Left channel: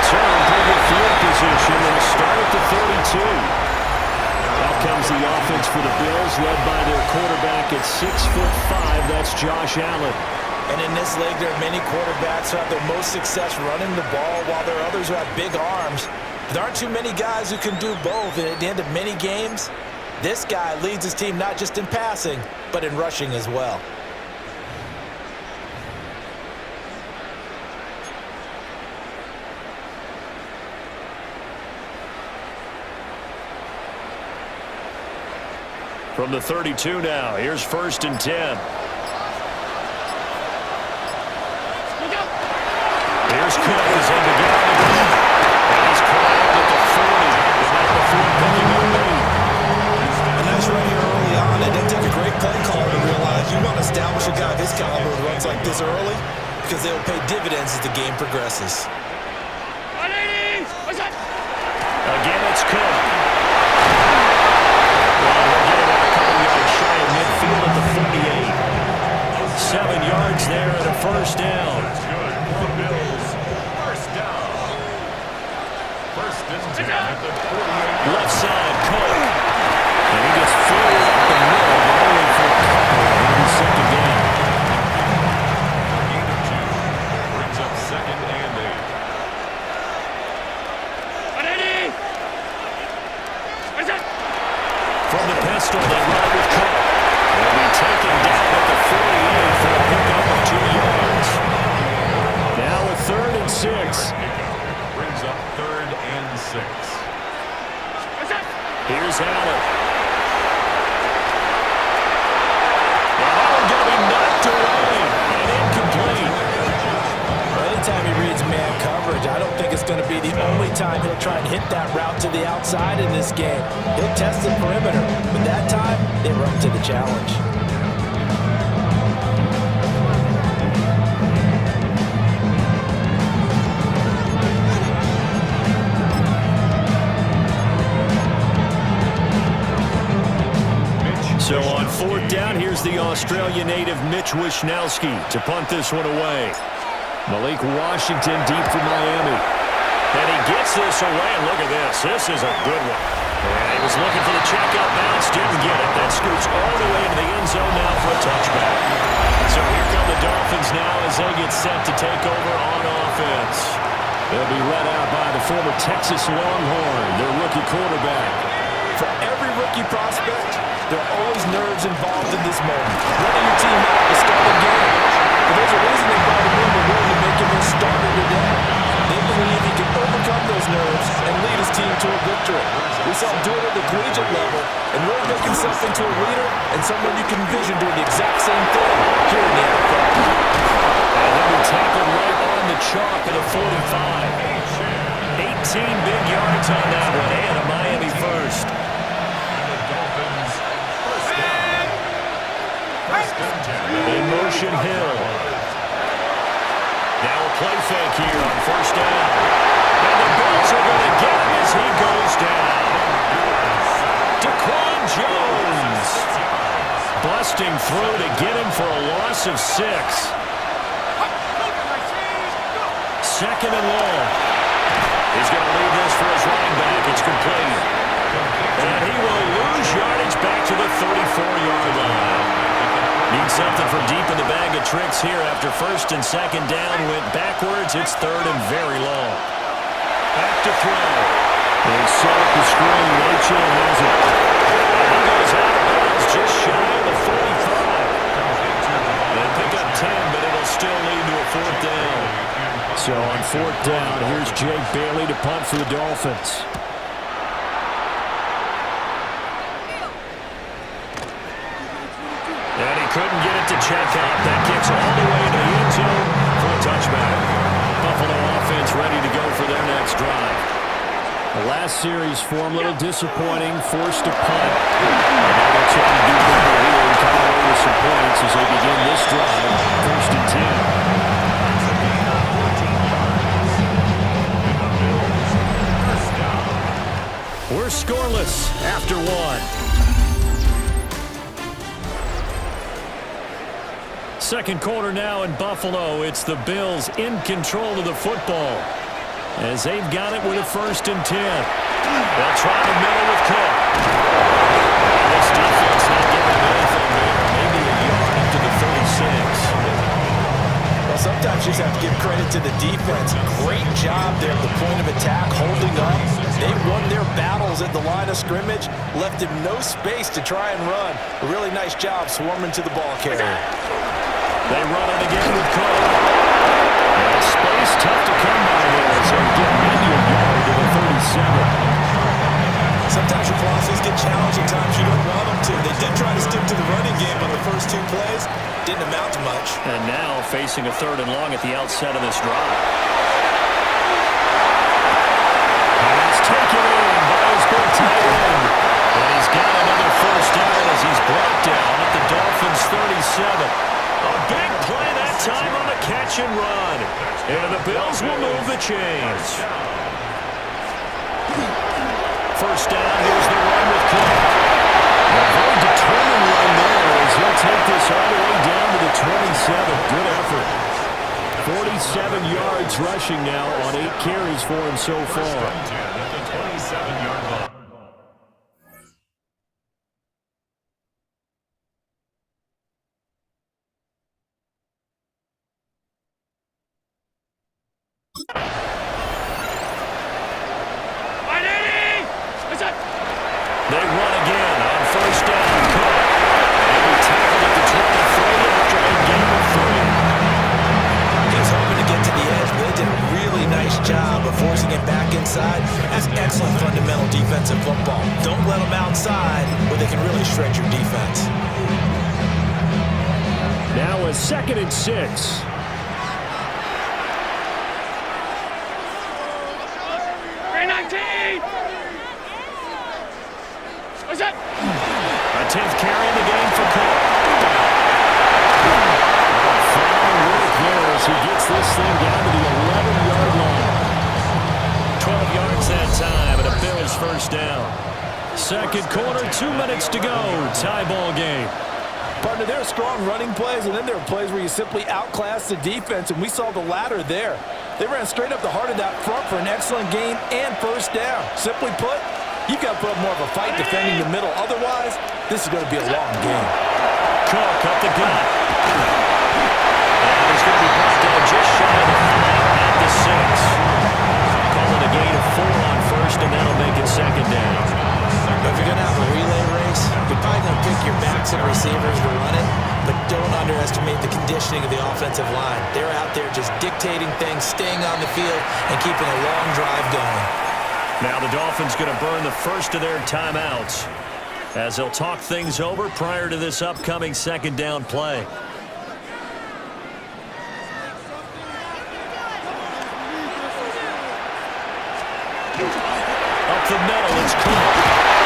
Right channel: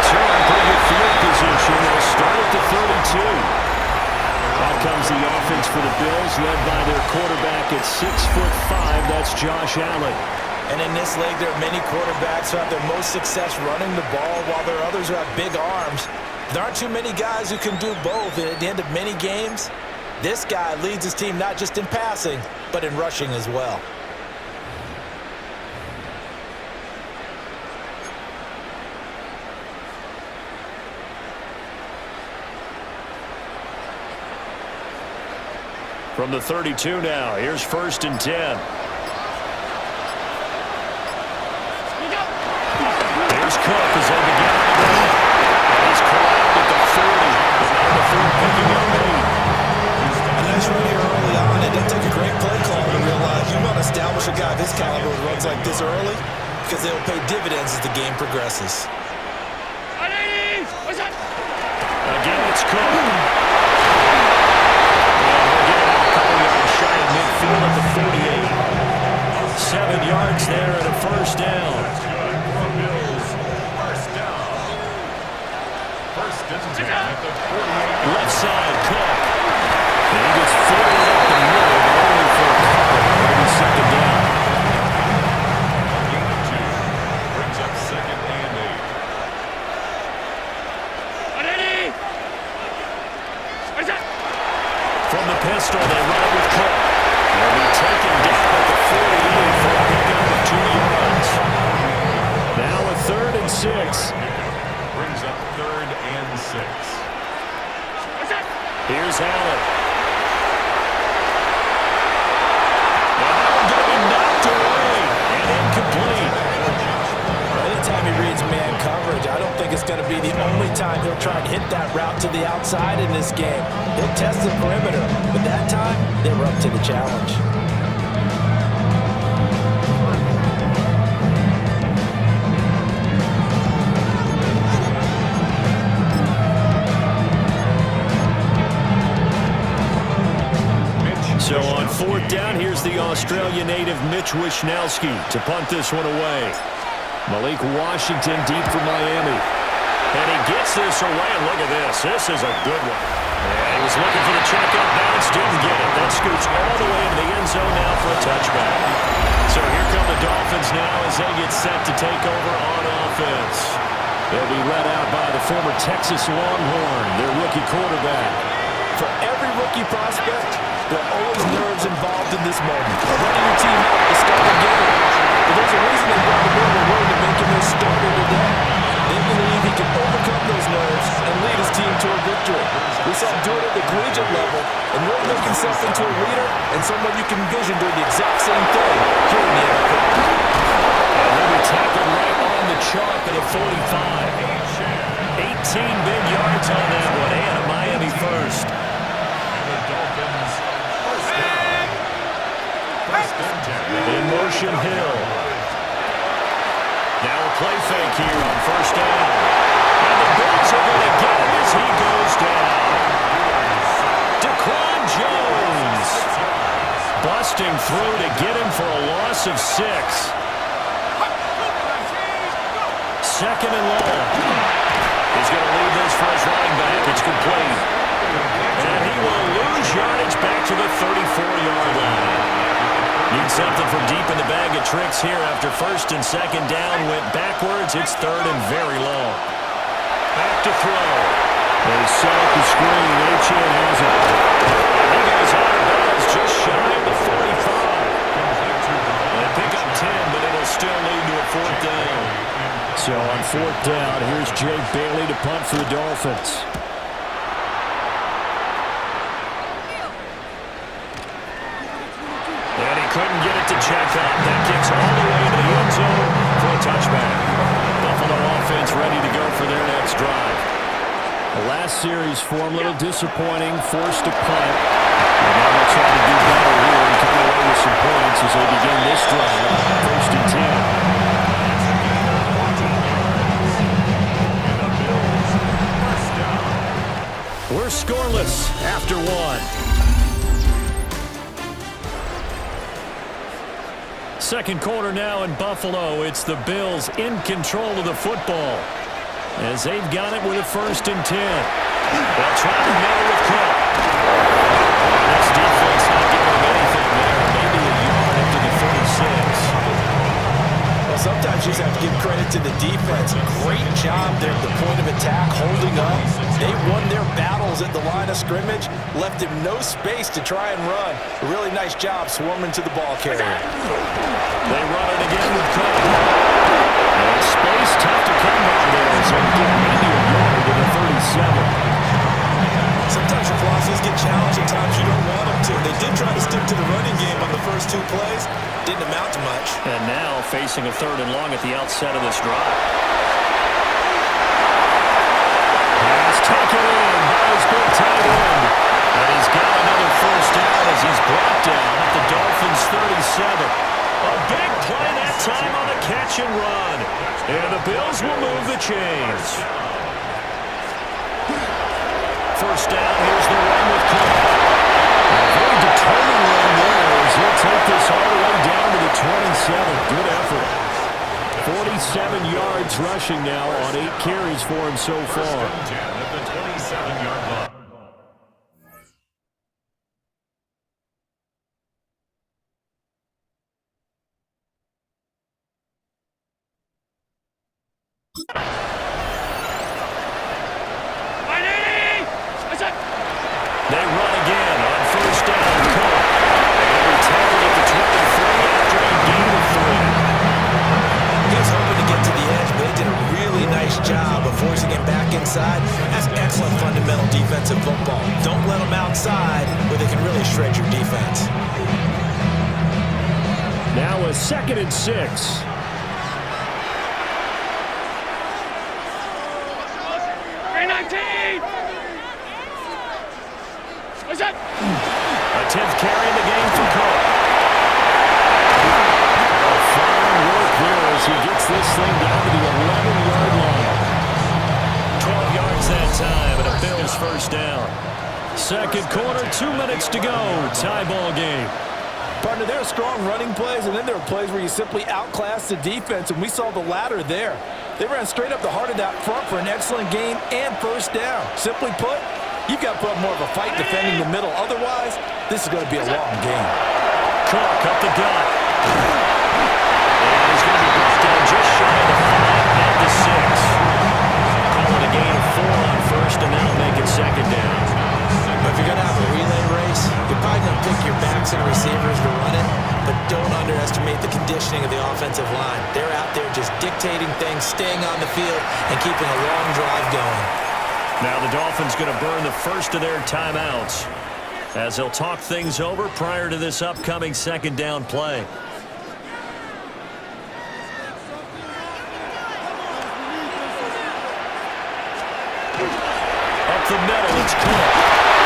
return. Pretty good field position. They'll start at the 32. Out comes the offense for the Bills, led by their quarterback at 6'5". That's Josh Allen. And in this league, there are many quarterbacks who have their most success running the ball, while there are others who have big arms. There aren't too many guys who can do both, and at the end of many games, this guy leads his team not just in passing, but in rushing as well. From the 32 now, here's 1st and 10. Here's Cook as they begin on the ground. And he's corralled at the 40, but now the 4 picking up 8. A nice run here early on. It doesn't take a great play caller to realize you want to establish a guy of his caliber with runs like this early, because they'll pay dividends as the game progresses. Again, it's Cook. And he'll get it out a couple yards shy of midfield at the 48. 7 yards there and a 1st down. That's good for the Bills. 1st down. 1st and 10 at the 48. Left side, Cook. And he gets forward up the middle, but only for a couple. It'll be 2nd down. A gain of 2 brings up 2nd and 8. From the pistol, they run it with Cook. He'll be taken down at the 48 for a pickup of 2 yards. Now a 3rd and 6. Brings up 3rd and 6. Here's Allen. Yeah, that one's going to be knocked away and incomplete. Anytime he reads man coverage, I don't think it's going to be the only time he'll try and hit that route to the outside in this game. He'll test the perimeter, but that time, they were up to the challenge. So on 4th down, here's the Australia native Mitch Wishnowsky to punt this one away. Malik Washington deep for Miami. And he gets this away, and look at this. This is a good one. Yeah, he was looking for the checkup bounce, didn't get it. That scoots all the way into the end zone now for a touchback. So here come the Dolphins now as they get set to take over on offense. They'll be led out by the former Texas Longhorn, their rookie quarterback. For every rookie prospect, there are always nerves involved in this moment. Running your team out to start a game. But there's a reason they brought him in. We're willing to make him their starter today. They believe he can overcome those nerves and lead his team to a victory. We saw him do it at the collegiate level and really make himself into a leader and someone you can envision doing the exact same thing here in the NFL. And he'll be tackled right on the chalk at a 45. 18 big yards on that one, and a Miami first. And the Dolphins, 1st down. 1st and 10. In motion, Hill. Now a play fake here on 1st down. And the Bills are going to get him as he goes down. Daquan Jones busting through to get him for a loss of 6. 2nd and long. He's going to leave this for his running back. It's complete. And he will lose yardage back to the 34-yard line. Need something from deep in the bag of tricks here after 1st and 2nd down. Went backwards. It's 3rd and very long. Back to throw. They set up the screen. Achane has it. And he goes out of bounds just shy of the 45. They pick up 10, but it'll still lead to a 4th down. So on 4th down, here's Jake Bailey to punt for the Dolphins. And he couldn't get it to check up. That kicks all the way into the end zone for a touchback. Buffalo offense ready to go for their next drive. The last series for him, a little disappointing, forced to punt. And now they'll try to do better here and come away with some points as they begin this drive. 1st and 10. It's a gain of 14 yards. And the Bills, 1st down. We're scoreless after 1. Second quarter now in Buffalo. It's the Bills in control of the football. as they've got it with a 1st and 10. They'll try the middle with Cook. And this defense not giving him anything there. Maybe a yard up to the 36. Well, sometimes you just have to give credit to the defense. Great job there at the point of attack, holding up. They won their battles at the line of scrimmage, left him no space to try and run. A really nice job swarming to the ball carrier. They run it again with Cook. And space tough to come by there, so get maybe a yard to the 37. Sometimes your philosophies get challenged at times you don't want them to. They did try to stick to the running game on the first 2 plays. Didn't amount to much. And now facing a 3rd and long at the outset of this drive. Pass taken in by his big tight end. And he's got another 1st down as he's brought down at the Dolphins' 37. A big play that time on the catch and run. And the Bills will move the chains. 1st down, here's the run with Cook. And a very determined run there as he'll take this all the way down to the 27. Good effort. 47 yards rushing now on 8 carries for him so far. 1st and 10 at the 27-yard line. They run again on 1st down. Cook. And he'll be tackled at the 23 after a gain of 3. He was hoping to get to the edge, but they did a really nice job of forcing him back inside. That's excellent fundamental defensive football. Don't let them outside where they can really shred your defense. Now a 2nd and 6. A 10th carry in the game for Cook. Oh, fine work there as he gets this thing down to the 11-yard line. 12 yards that time, and a Bills 1st down. 2nd quarter, 2 minutes to go. Tie ball game. Partner, there are strong running plays, and then there are plays where you simply outclass the defense, and we saw the latter there. They ran straight up the heart of that front for an excellent gain and 1st down. Simply put, you've got to put up more of a fight defending the middle. Otherwise, this is going to be a long game. Cook up the gut. And he's going to be brought down just shy of the 5 at the 6. Call it a gain of 4 on 1st, and that'll make it 2nd down. But if you're going to have a relay race, you're probably going to pick your backs and receivers to run it, but don't underestimate the conditioning of the offensive line. They're out there just dictating things, staying on the field, and keeping a long drive going. Now the Dolphins going to burn the 1st of their timeouts as they'll talk things over prior to this upcoming 2nd down play. Up the middle, it's Cook.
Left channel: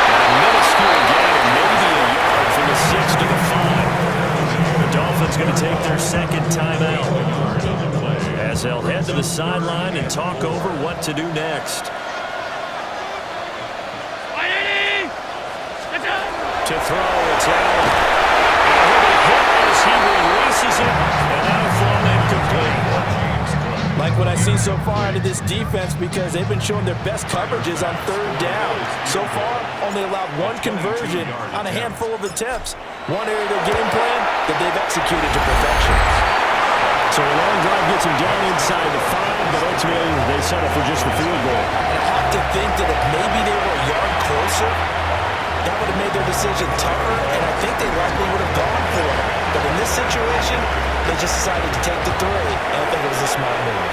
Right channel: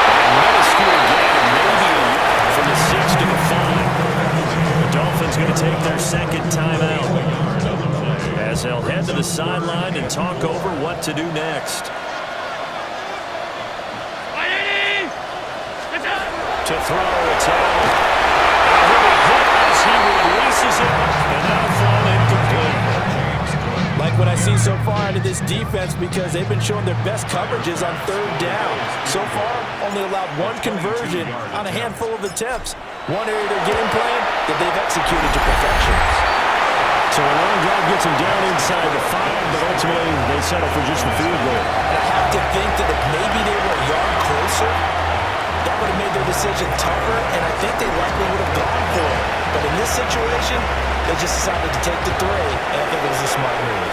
And a minuscule gain of maybe a yard from the 6 to the 5. The Dolphins going to take their 2nd timeout as they'll head to the sideline and talk over what to do next. To throw, it's Allen. And he'll be hit as he releases it, and that'll fall incomplete. Like what I see so far out of this defense, because they've been showing their best coverages on 3rd down. So far, only allowed 1 conversion on a handful of attempts. One area of their game plan that they've executed to perfection. So a long drive gets them down inside the 5, but ultimately they settle for just the field goal. And I have to think that if maybe they were a yard closer, that would have made their decision tougher, and I think they likely would have gone for it. But in this situation, they just decided to take the 3, and I think it was a smart move.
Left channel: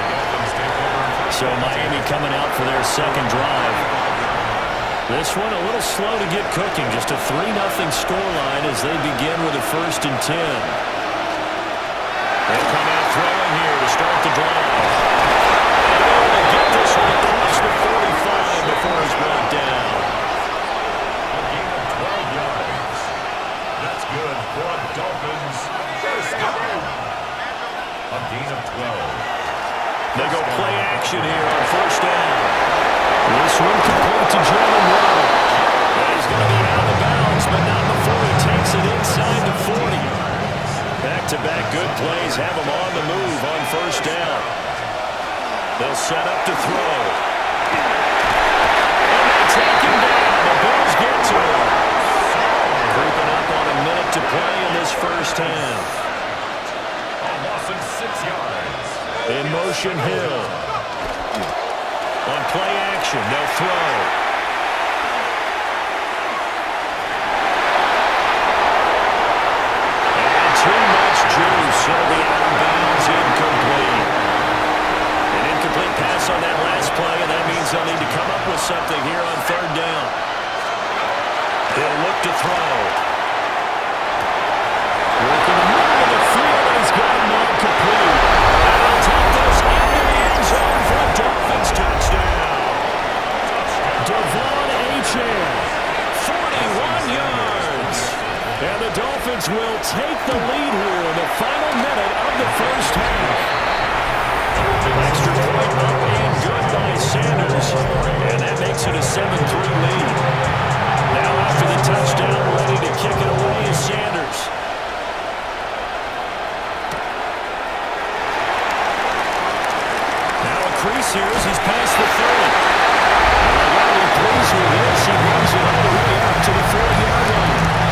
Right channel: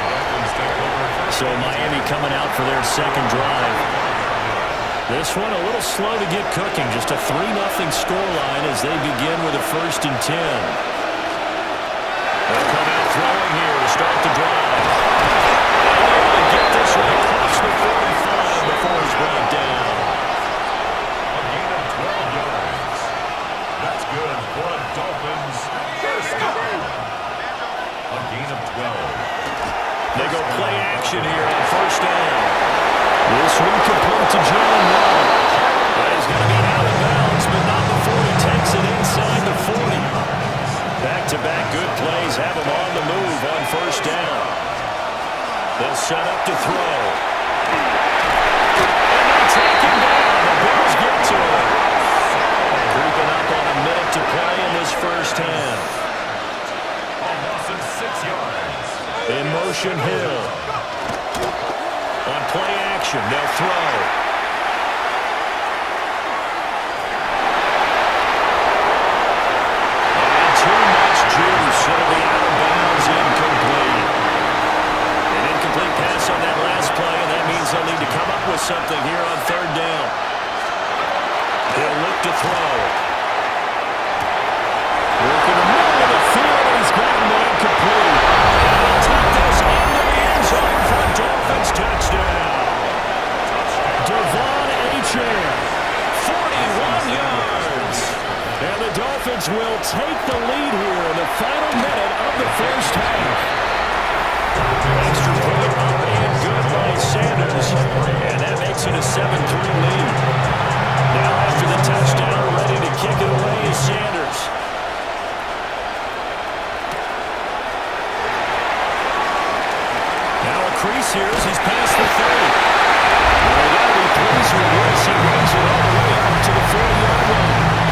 The Dolphins take over. So Miami coming out for their 2nd drive. This one a little slow to get cooking. Just a 3-0 scoreline as they begin with a 1st and 10. They'll come out throwing here to start the drive. And able to get this one across the 45 before he's brought down. A gain of 12 yards. That's good for a Dolphins 1st down. A gain of 12. They go play action here on 1st down. This one complete to Jalen Waddle. And he's going to be out of bounds, but not before he takes it inside the 40. Back-to-back good plays have them on the move on first down. They'll set up to throw. And they take him down. The Bills get to him. Creeping up on a minute to play in this first half. A loss of 6 yards. In motion, Hill. On play action, they'll throw. And too much juice. It'll be out of bounds, incomplete. An incomplete pass on that last play, and that means they'll need to come up with something here on third down. He'll look to throw. Work in the middle of the field, and he's got a man complete. And he'll take this into the end zone for a Dolphins touchdown. Devon Achane, 41 yards. And the Dolphins will take the lead here in the final minute of the first half. Extra point up and good by Sanders. And that makes it a 7-3 lead. Now after the touchdown, ready to kick it away is Sanders. Now a crease here as he's past the 30. And they got to be pleased with this. He brings it all the way up to the 40-yard line.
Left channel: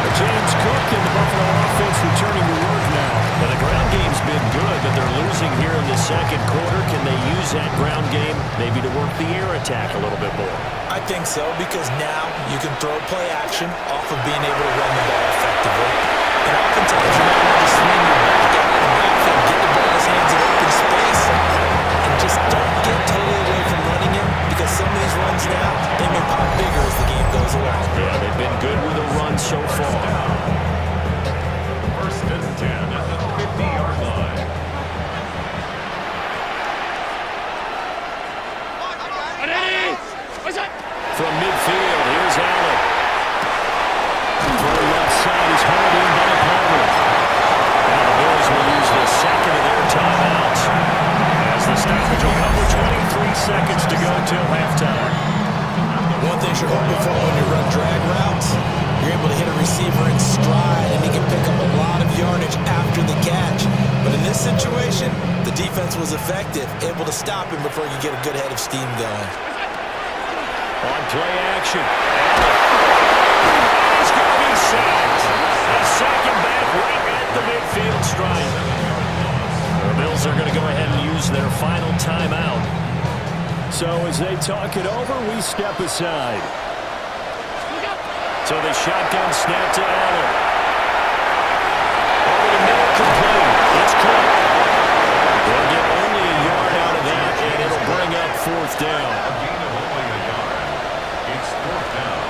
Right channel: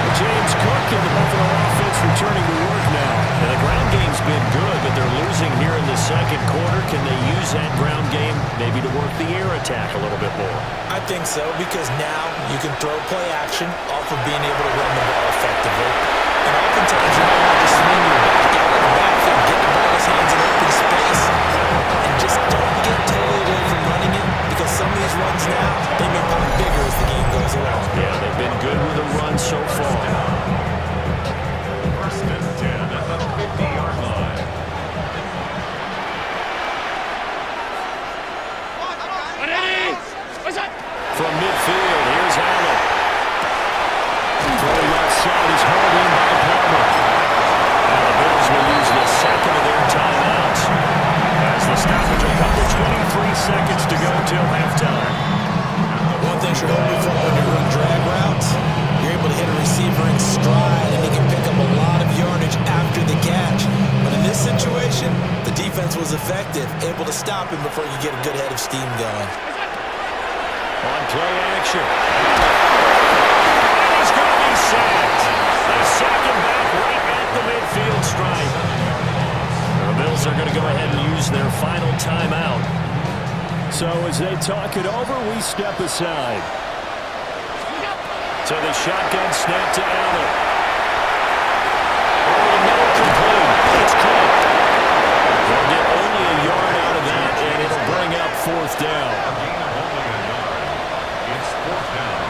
But James Cook and the Buffalo offense returning to work now. And the ground game's been good, but they're losing here in the second quarter. Can they use that ground game maybe to work the air attack a little bit more? I think so, because now you can throw play action off of being able to run the ball effectively. And oftentimes you might want to swing your back out of the backfield, get the ball in his hands in open space, and just don't get totally away from running it, because some of these runs now, they may pop bigger as the game goes along. Yeah, they've been good with a run so far. First and 10 at the 50-yard line. From midfield, here's Allen. Throw left side is hauled in by Palmer. Now the Bills will use the second of their timeouts, as the stoppage will come with 23 seconds to go till halftime. One thing you're hoping for when you run drag routes, you're able to hit a receiver in stride, and he can pick up a lot of yardage after the catch. But in this situation, the defense was effective, able to stop him before he could get a good head of steam going. On play action, Allen. And he's going to be sacked. They sack him back right at the midfield stripe. The Bills are going to go ahead and use their final timeout. So as they talk it over, we step aside. So the shotgun snap to Allen. Over the middle, complete. It's Cook. They'll get only a yard out of that, and it'll bring up fourth down. A gain of only a yard. It's fourth down.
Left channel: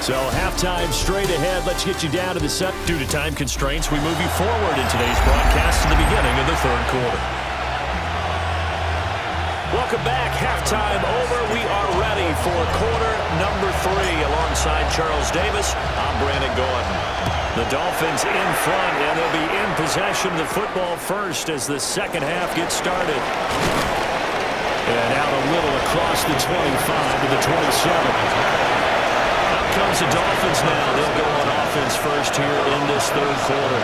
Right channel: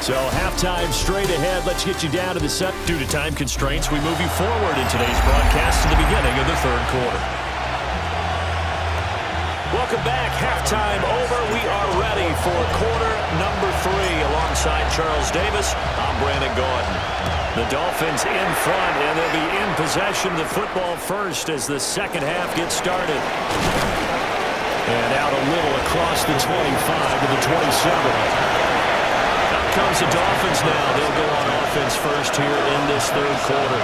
So halftime straight ahead. Let's get you down to the set. Due to time constraints, we move you forward in today's broadcast to the beginning of the third quarter. Welcome back. Halftime over. We are ready for quarter number 3. Alongside Charles Davis, I'm Brandon Gordon. The Dolphins in front, and they'll be in possession of the football first as the second half gets started. And out a little across the 25 to the 27. Out comes the Dolphins now. They'll go on offense first here in this third quarter.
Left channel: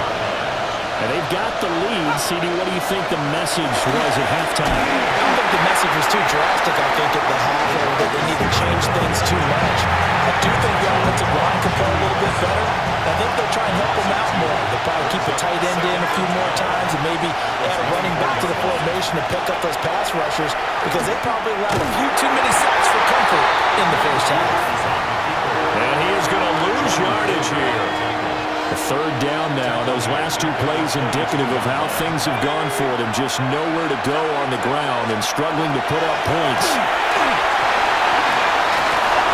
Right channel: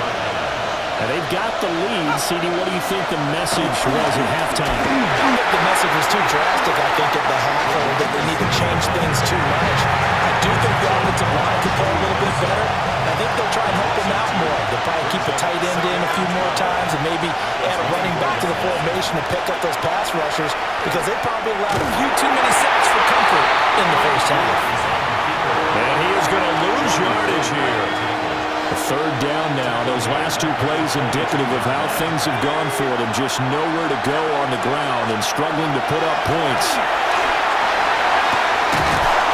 And they've got the lead. CD, what do you think the message was at halftime? I don't think the message was too drastic, I think, at the half, or that they need to change things too much. I do think the offensive line could play a little bit better. I think they'll try and help them out more. They'll probably keep a tight end in a few more times and maybe add a running back to the formation to pick up those pass rushers, because they probably allowed a few too many sacks for comfort in the first half. And he is going to lose yardage here. A third down now. Those last two plays indicative of how things have gone for them. Just nowhere to go on the ground and struggling to put up points.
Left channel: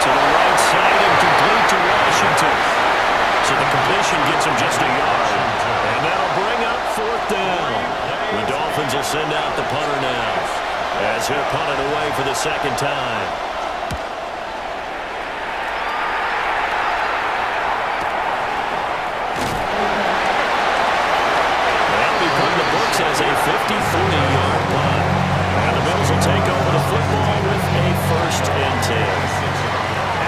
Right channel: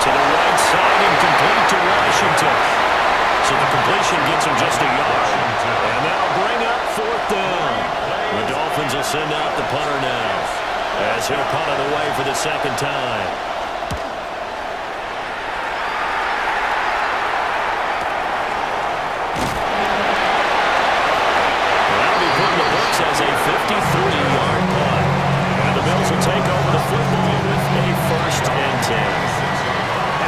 To the right side and complete to Washington. So the completion gets him just a yard. And that'll bring up fourth down. The Dolphins will send out the punter now, as he'll punt it away for the second time. That'll be put in the books as a 53-yard punt. And the Bills will take over the football with a 1st and 10.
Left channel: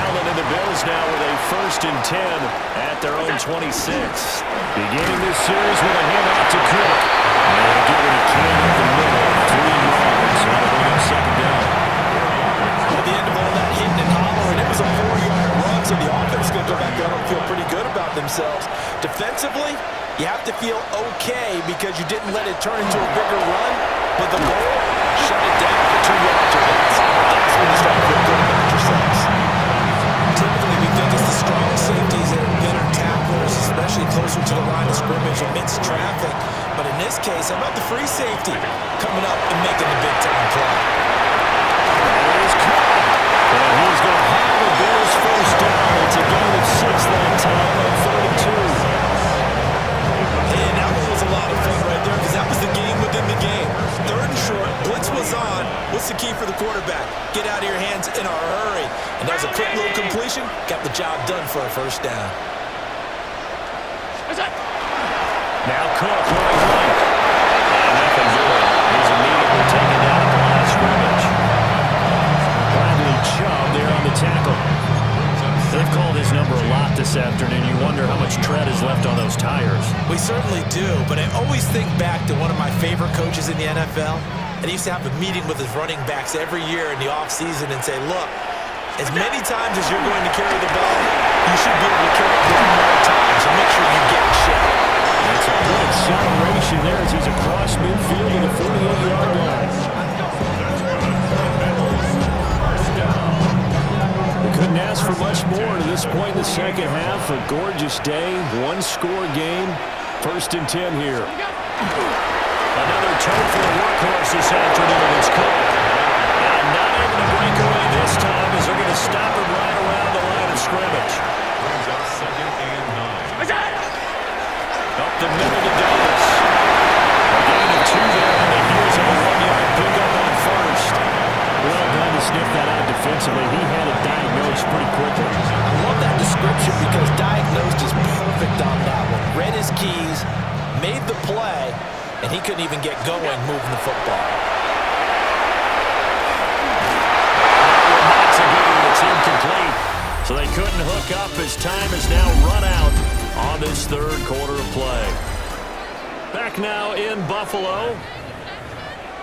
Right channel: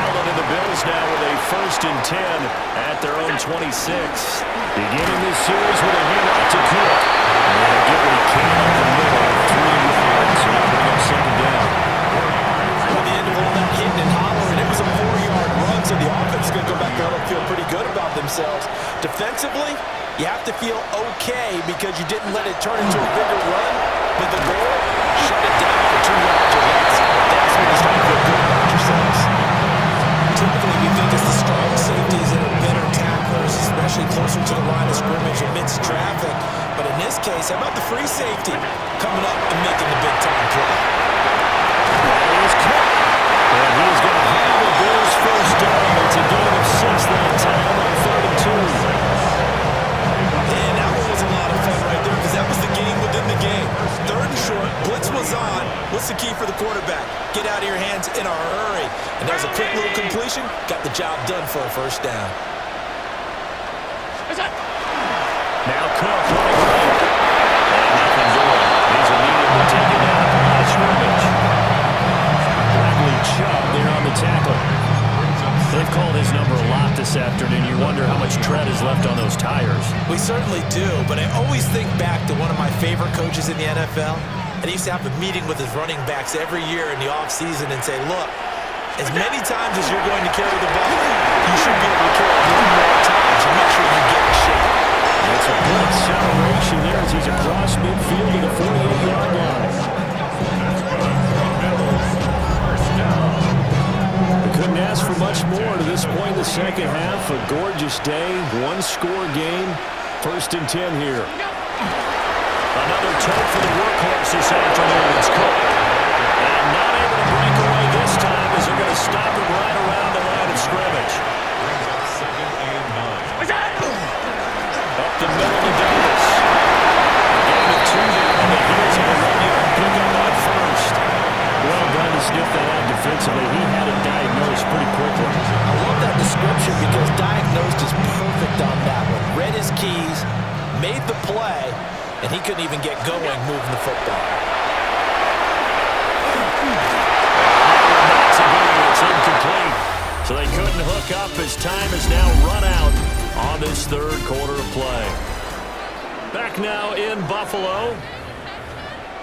Allen and the Bills now with a 1st and 10 at their own 26. Beginning this series with a handoff to Cook. And he'll get what he can up the middle, 3 yards. That'll bring up 2nd down. At the end of all that hitting and hollering, it was a 4-yard run, so the offense is going to go back out and feel pretty good about themselves. Defensively, you have to feel okay because you didn't let it turn into a bigger run, but the goal, shut it down for 2 yards or less. That's when you start to feel good about yourselves. Typically, we think it's the strong safeties that are better tacklers, especially closer to the line of scrimmage amidst traffic. But in this case, how about the free safety coming up and making the big-time play? That is caught. And he is going to have a Bills 1st down. It's a gain of 6 that time on 3rd and 2. And that one was a lot of fun right there because that was the game within the game. 3rd and short, blitz was on. What's the key for the quarterback? Get out of your hands in a hurry. And that was a quick little completion. Got the job done for a 1st down. Now Cook running right. And nothing doing. He's immediately taken down at the line of scrimmage. Bradley Chubb there on the tackle. They've called his number a lot this afternoon. You wonder how much tread is left on those tires. We certainly do, but I always think back to one of my favorite coaches in the NFL. And he used to have a meeting with his running backs every year in the offseason and say, look, as many times as you're going to carry the ball, you should be able to carry it one more time, so make sure you get in shape. It's a good acceleration there as he's across midfield to the 48-yard line. That's good for a Bills 1st down. We couldn't ask for much more to this point in the second half. A gorgeous day, 1-score game. 1st and 10 here. Another tote for the workhorse this afternoon. It's Cook. And not able to break away this time as they're going to stop him right around the line of scrimmage. Brings up 2nd and 9. Up the middle to Davis. A gain of 2 there on the heels of a 1-yard pickup on 1st. Well done to sniff that out defensively. He had it diagnosed pretty quickly. I love that description because diagnosed is perfect on that one. Read his keys, made the play, and he couldn't even get going moving the football. And that one not to be. It's incomplete. So they couldn't hook up as time has now run out on this 3rd quarter of play. Back now in Buffalo.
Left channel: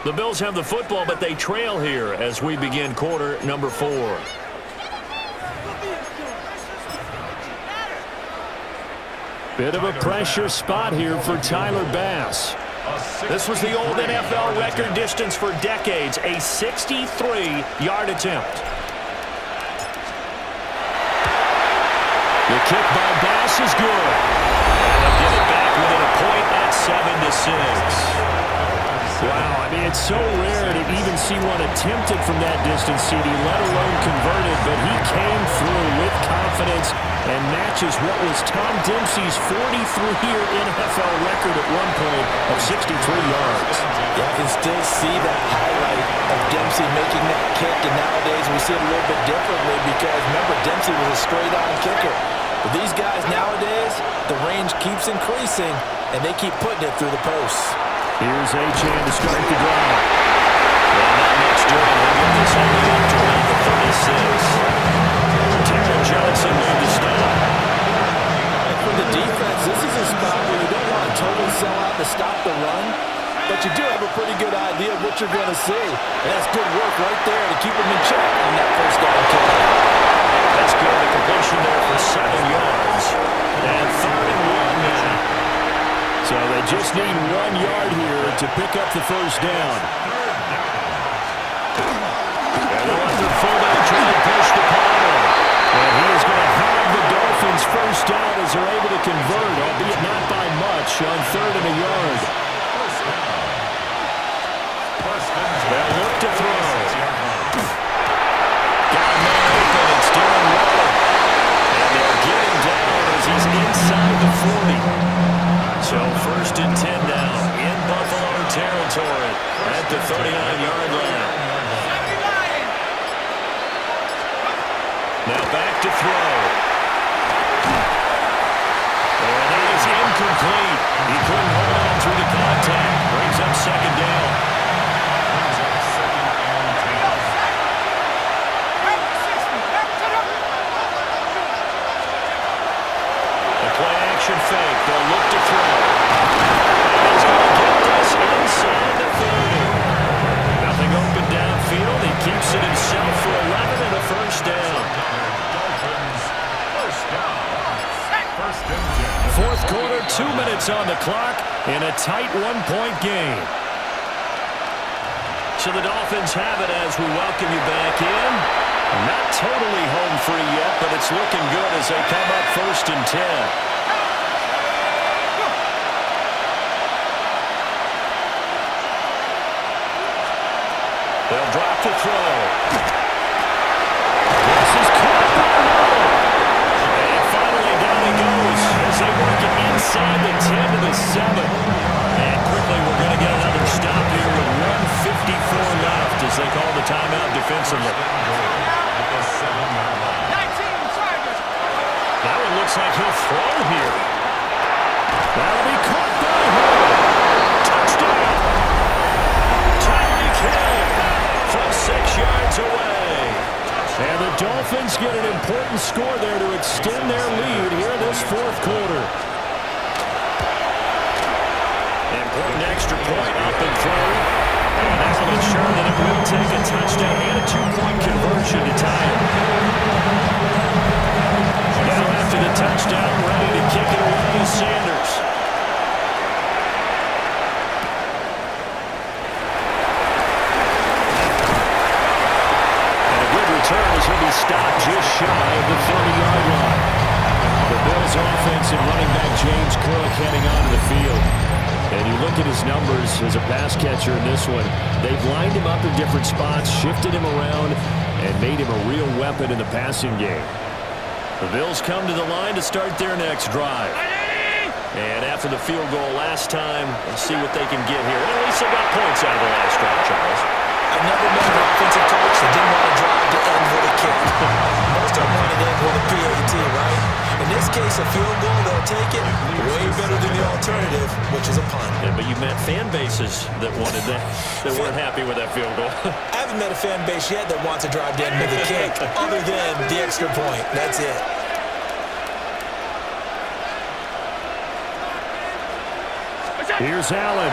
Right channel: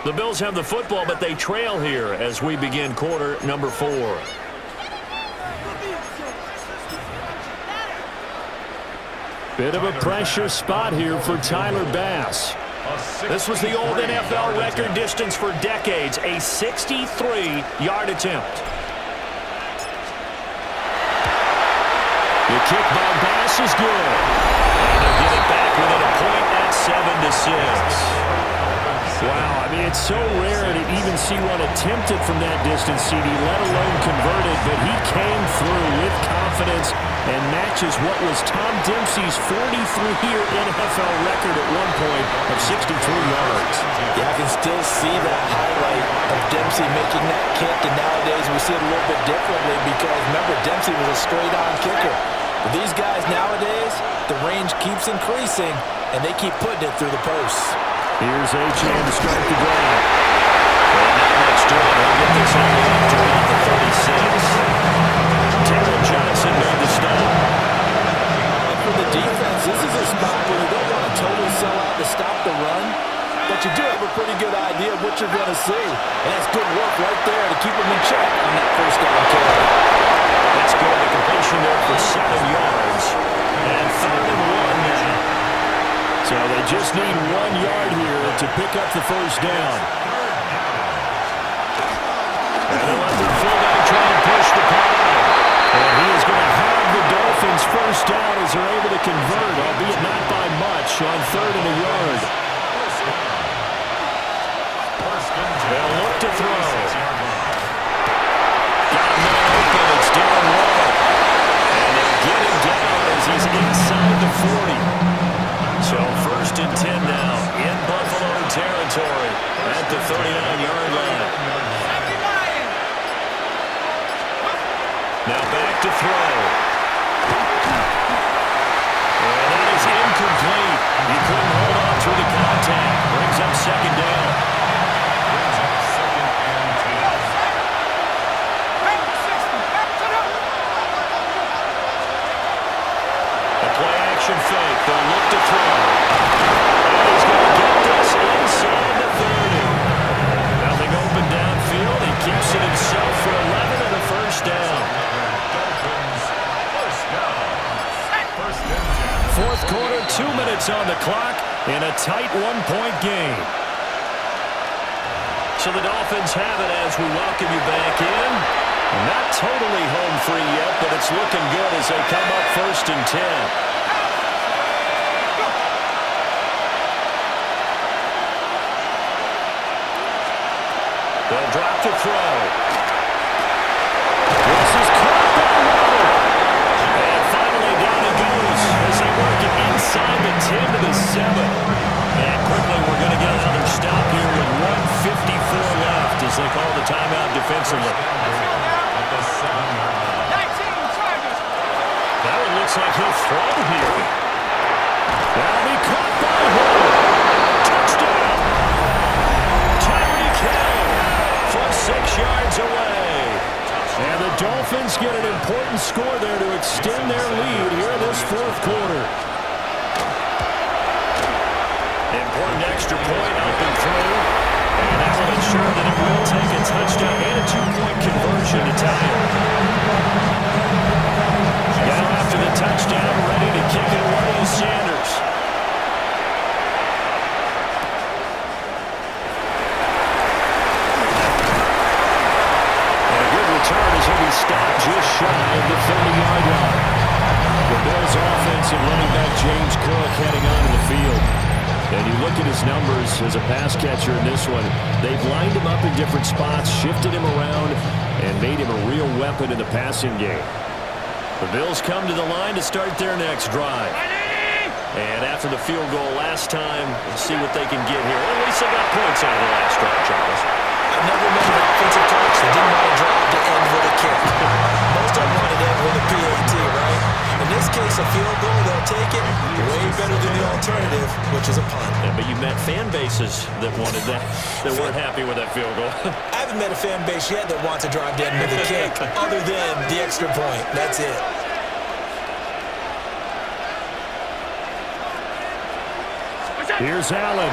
The Bills have the football, but they trail here as we begin quarter number 4. Bit of a pressure spot here for Tyler Bass. This was the old NFL record distance for decades, a 63-yard attempt. The kick by Bass is good. And they'll get it back within a point at 7-6. Wow, I mean, it's so rare to even see one attempted from that distance, CD, let alone converted, but he came through with confidence and matches what was Tom Dempsey's 43-year NFL record at one point of 63 yards. Yeah, I can still see that highlight of Dempsey making that kick, and nowadays we see it a little bit differently because, remember, Dempsey was a straight-on kicker. But these guys nowadays, the range keeps increasing, and they keep putting it through the posts. Here's Achane to start the drive. Well, not much doing. He'll get this only up to about the 36. Taron Johnson made the stop. And for the defense, this is a spot where you don't want to totally sell out to stop the run, but you do have a pretty good idea of what you're going to see. And that's good work right there to keep them in check on that 1st down carry. That's good. The completion there for 7 yards. And 3rd and 1 now. So they just need 1 yard here to pick up the 1st down. And they'll let their fullback try and push the pile. And he is going to have the Dolphins 1st down as they're able to convert, albeit not by much, on 3rd and a yard. They'll look to throw. Got a man open. It's Darren Waller. And they'll get him down as he's inside the 40. So 1st and 10 now in Buffalo territory at the 39-yard line. Now back to throw. And that is incomplete. He couldn't hold on through the contact. Brings up 2nd down. Brings up second and 10. The play action fake. They'll look to throw. And he's going to get this inside the 30. Nothing open downfield. He keeps it himself for 11 and a first down. Another Dolphins first down. First and 10. Fourth quarter, 2 minutes on the clock in a tight one-point game. So the Dolphins have it as we welcome you back in. Not totally home free yet, but it's looking good as they come up first and 10. They'll drop to throw. This is caught by Waddle. And finally down he goes as they work it inside the 10 to the 7. And quickly we're going to get another stop here with 1:54 left as they call the timeout defensively. At the 7-yard line. That one looks like he'll throw here. That'll be caught by Hill. Touchdown. Tyreek Hill from 6 yards away. And the Dolphins get an important score there to extend their lead here this fourth quarter. Important extra point up and through. And that will ensure that it will take a touchdown and a 2-point conversion to tie it. Now after the touchdown, ready to kick it away is Sanders. And a good return as he'll be stopped just shy of the 30-yard line. The Bills offense and running back James Cook heading onto the field. And you look at his numbers as a pass catcher in this one. They've lined him up in different spots, shifted him around, and made him a real weapon in the passing game. The Bills come to the line to start their next drive. And after the field goal last time, we'll see what they can get here. At least they got points out of the last drive, Charles. I never met an offensive coach that didn't want to drive to end with a kick. Most of them wanted to end with a PAT, right? In this case, a field goal, they'll take it. Way better than the alternative, which is a punt. Yeah, but you met fan bases that wanted that, that weren't happy with that field goal. I haven't met a fan base yet that wants to drive to end with a kick, other than the extra point. That's it. Here's Allen.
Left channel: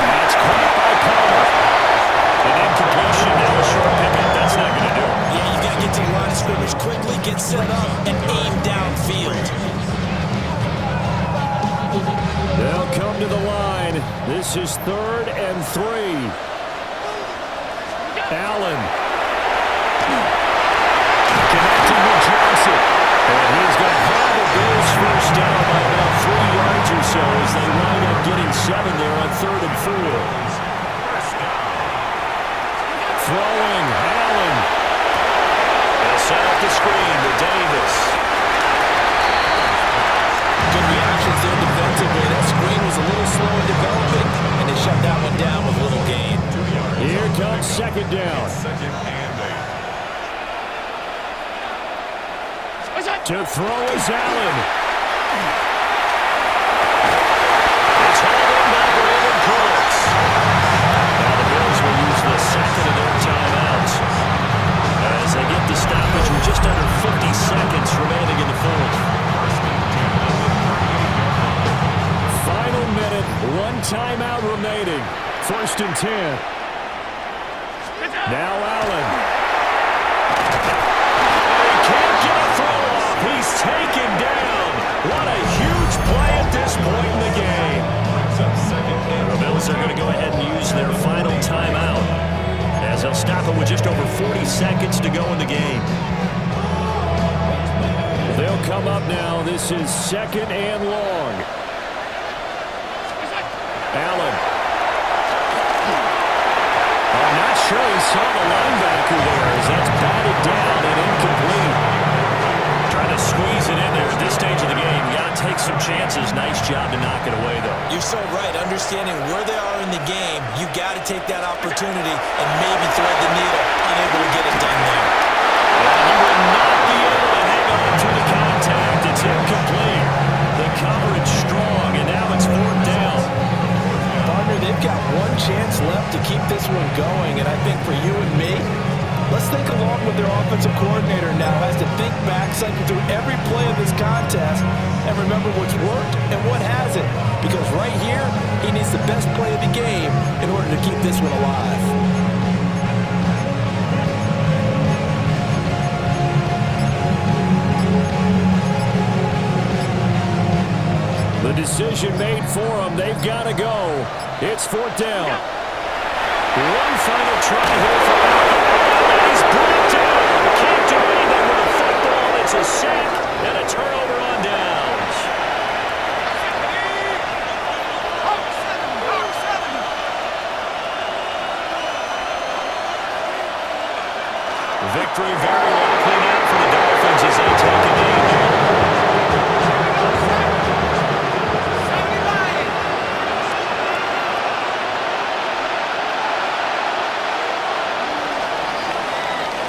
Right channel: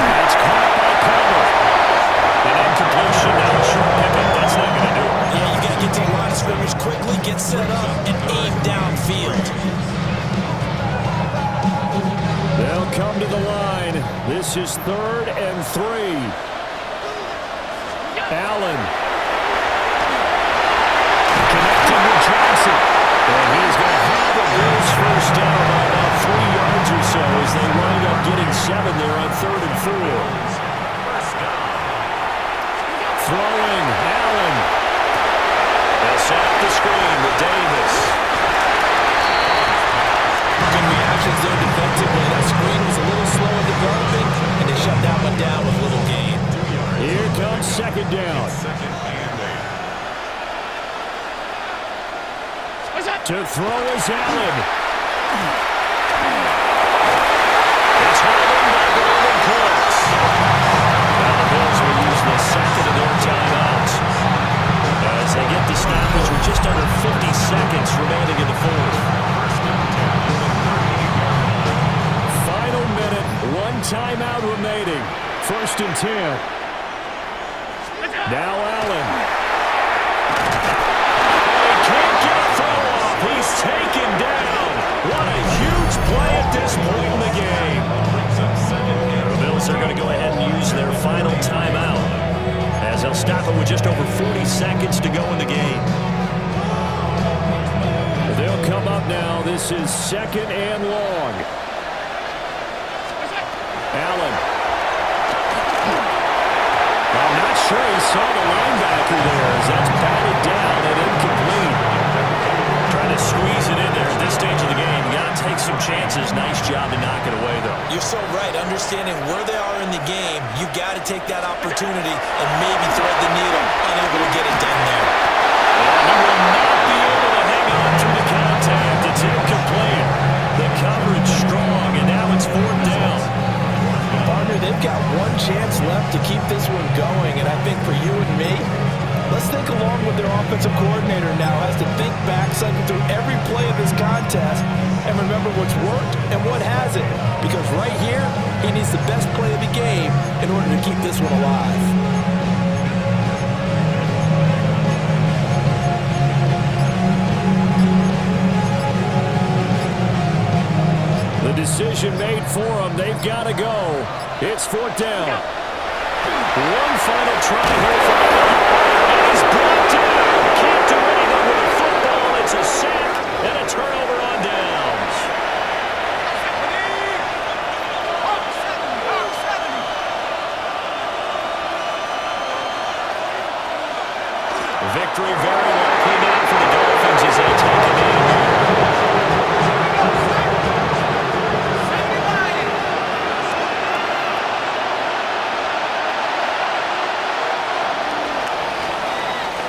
That's caught by Palmer. An incompletion, now a short pickup. That's not going to do it. Yeah, you got to get to the line of scrimmage quickly, get set up, and aim downfield. They'll come to the line. This is 3rd and 3. Allen. Connecting with Johnson. And he is going to have a Bills first down by about 3 yards or so as they wind up getting 7 there on 3rd and 4. First down. Throwing, Allen. They'll set up the screen with Davis. Good reactions there defensively. That screen was a little slow in developing, and they shut that one down with little gain. 2 yards. Here comes second down. Second and 8. To throw is Allen. It's hauled in by Brandon Cooks. Now the Bills will use the second of their timeouts as they get the stoppage with just under 50 seconds remaining in the fourth. First and 10 at the 38-yard line. Final minute, 1 timeout remaining. 1st and 10. Now Allen. And he can't get a throw off. He's taken down. What a huge play at this point in the game. Brings up second and The Bills are going to go ahead and use their final timeout as they'll stop it with just over 40 seconds to go in the game. They'll come up now. This is 2nd and long. Allen. Oh, not sure he saw the linebacker there as that's batted down and incomplete. Trying to squeeze it in there at this stage of the game. You got to take some chances. Nice job to knock it away, though. You're so right. Understanding where they are in the game, you got to take that opportunity and maybe thread the needle. Unable to get it done there. And he will not be able to hang on through the contact. It's incomplete. The coverage strong, and now it's 4th down. Partner, they've got one chance left to keep this one going, and I think for you and me, let's think along with their offensive coordinator now. Has to think back, cycle through every play of this contest, and remember what's worked and what hasn't. Because right here, he needs the best play of the game in order to keep this one alive. The decision made for them. They've got to go. It's 4th down. One final try here for Allen. And he's brought down. Can't do anything with a football. It's a sack and a turnover on downs. Victory very likely now for the Dolphins as they take a knee here.